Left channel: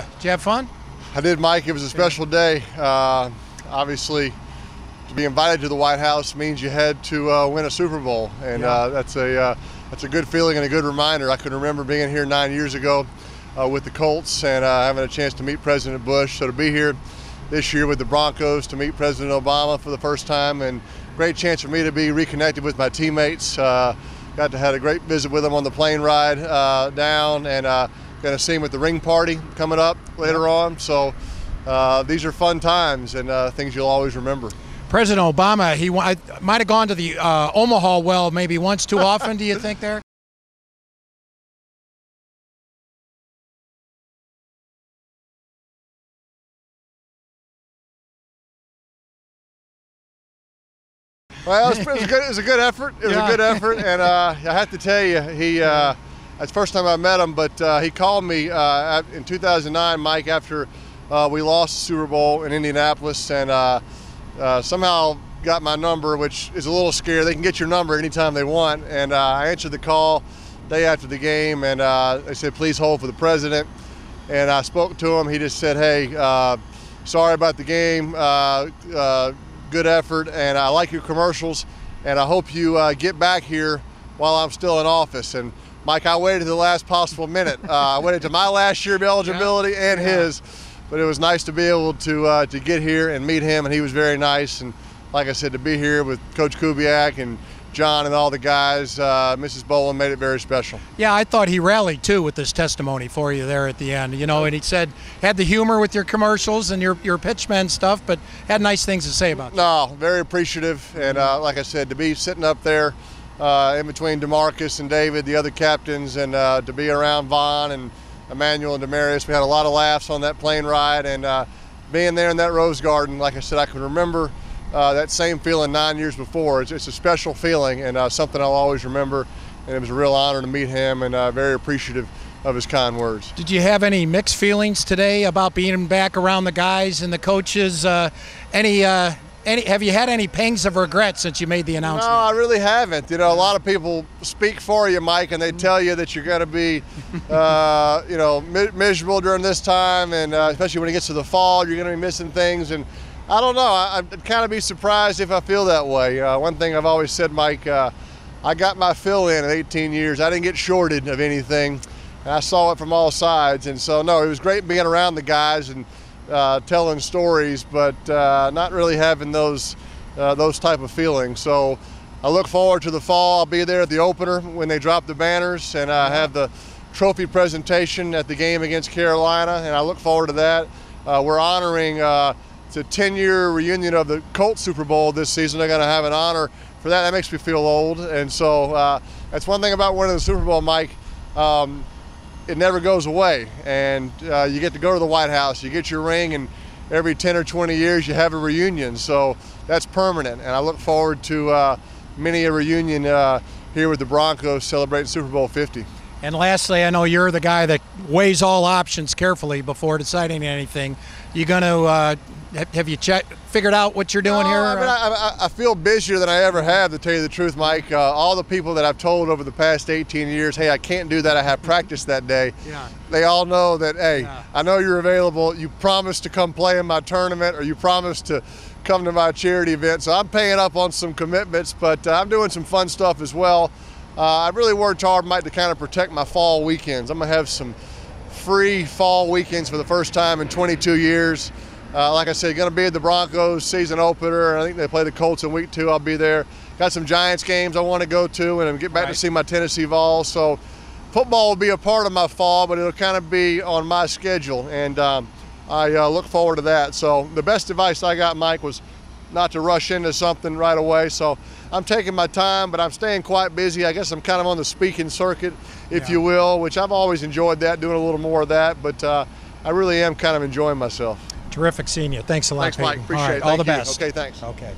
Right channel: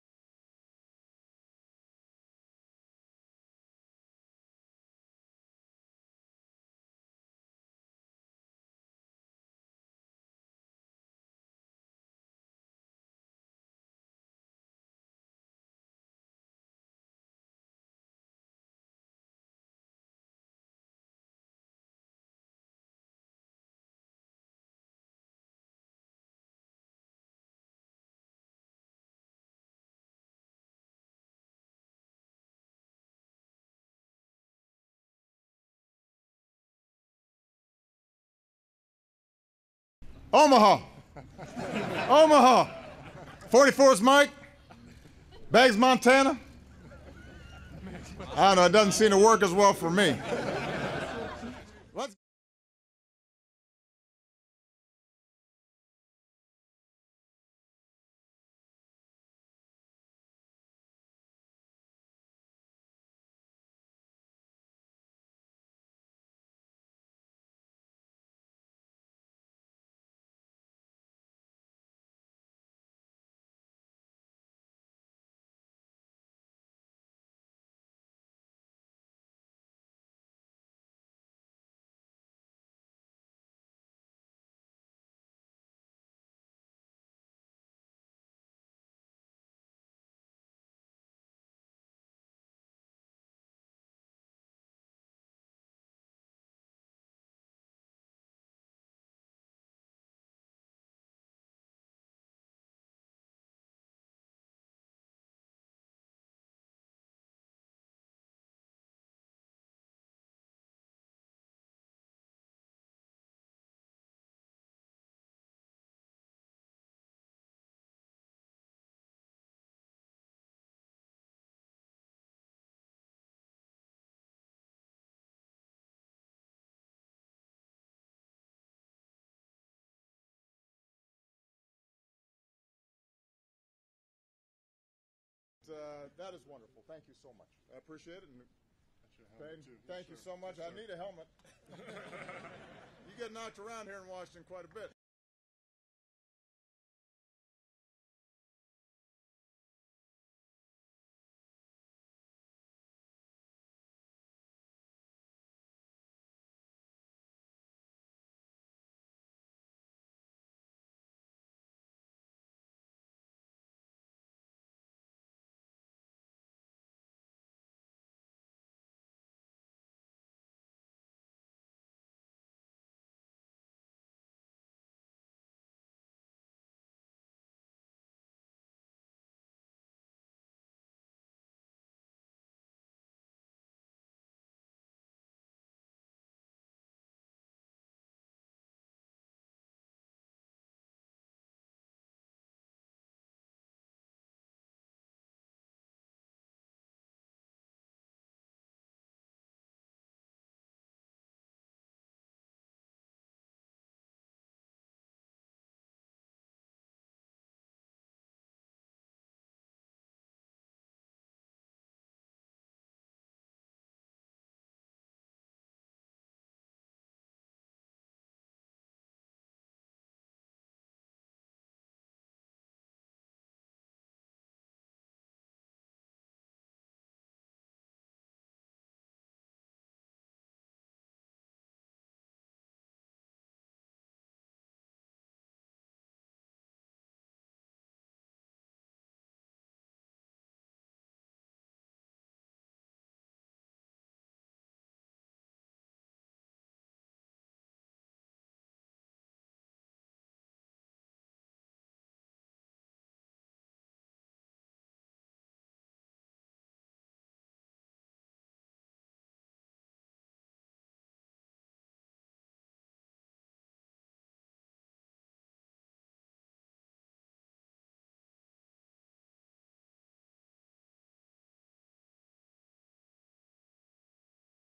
you? Did you have fun? I did, Mike. It was a special day. Obviously, to be invited to the White House means you had to win a Super Bowl, and that's a good feeling and a good reminder. I can remember being here 9 years ago with the Colts and having a chance to meet President Bush. So to be here this year with the Broncos, to meet President Obama for the first time, and great chance for me to be reconnected with my teammates. Got to have a great visit with them on the plane ride down, and going to see him at the ring party coming up later on. So these are fun times and things you'll always remember. President Obama, he might have gone to the Omaha well maybe once too often, do you think there? Omaha. Omaha. 44's Mike. Bags, Montana. I don't know, it doesn't seem to work as well for me. Well, it was a good effort. It was a good effort, and I have to tell you, that's the first time I met him, but he called me in 2009, Mike, after we lost the Super Bowl in Indianapolis, and somehow got my number, which is a little scary. They can get your number anytime they want, and I answered the call day after the game, and they said, please hold for the president. And I spoke to him. He just said, hey, sorry about the game, good effort, and I like your commercials, and I hope you get back here while I'm still in office. And Mike, I waited to the last possible minute. I waited to my last year of eligibility and his, but it was nice to be able to get here and meet him, and he was very nice. And like I said, to be here with Coach Kubiak and John and all the guys, Mrs. Bowen made it very special. Yeah, I thought he rallied too with this testimony for you there at the end, you know, and he said, had the humor with your commercials and your pitchman stuff, but had nice things to say about you. No, very appreciative, and like I said, to be sitting up there in between DeMarcus and David, the other captains, and to be around Vaughn and Emmanuel and Demarius, we had a lot of laughs on that plane ride, and being there in that Rose Garden, like I said, I can remember that same feeling 9 years before. It's a special feeling, and something I'll always remember, and it was a real honor to meet him, and very appreciative of his kind words. Did you have any mixed feelings today about being back around the guys and the coaches? Have you had any pangs of regret since you made the announcement? No, I really haven't. You know, a lot of people speak for you, Mike, and they tell you that you're going to be, you know, miserable during this time, and especially when it gets to the fall, you're going to be missing things. And I don't know. I'd kind of be surprised if I feel that way. One thing I've always said, Mike, I got my fill in 18 years. I didn't get shorted of anything, and I saw it from all sides. And so, no, it was great being around the guys and telling stories, but not really having those type of feelings. So I look forward to the fall. I'll be there at the opener when they drop the banners, and I have the trophy presentation at the game against Carolina, and I look forward to that. We're honoring it's a 10-year reunion of the Colts Super Bowl this season. They're going to have an honor for that. That makes me feel old. And so that's one thing about winning the Super Bowl, Mike. It never goes away. And you get to go to the White House. You get your ring, and every 10 or 20 years you have a reunion. So that's permanent. And I look forward to many a reunion here with the Broncos celebrating Super Bowl 50. And lastly, I know you're the guy that weighs all options carefully before deciding anything. You going to have you figured out what you're doing here? I mean, I feel busier than I ever have, to tell you the truth, Mike. All the people that I've told over the past 18 years, hey, I can't do that, I have practice that day. Yeah. They all know that, hey, I know you're available. You promised to come play in my tournament, or you promised to come to my charity event. So I'm paying up on some commitments, but I'm doing some fun stuff as well. I've really worked hard, Mike, to kind of protect my fall weekends. I'm going to have some free fall weekends for the first time in 22 years. Like I said, going to be at the Broncos season opener. I think they play the Colts in week 2. I'll be there. Got some Giants games I want to go to and get back to see my Tennessee Vols. So football will be a part of my fall, but it'll kind of be on my schedule, and I look forward to that. So the best advice I got, Mike, was not to rush into something right away. So I'm taking my time, but I'm staying quite busy. I guess I'm kind of on the speaking circuit, if you will, which I've always enjoyed that, doing a little more of that. But I really am kind of enjoying myself. Terrific seeing you. Thanks a lot, Thanks, Mike. Peyton. Appreciate it. All the Thank you. best. Okay, thanks. Okay.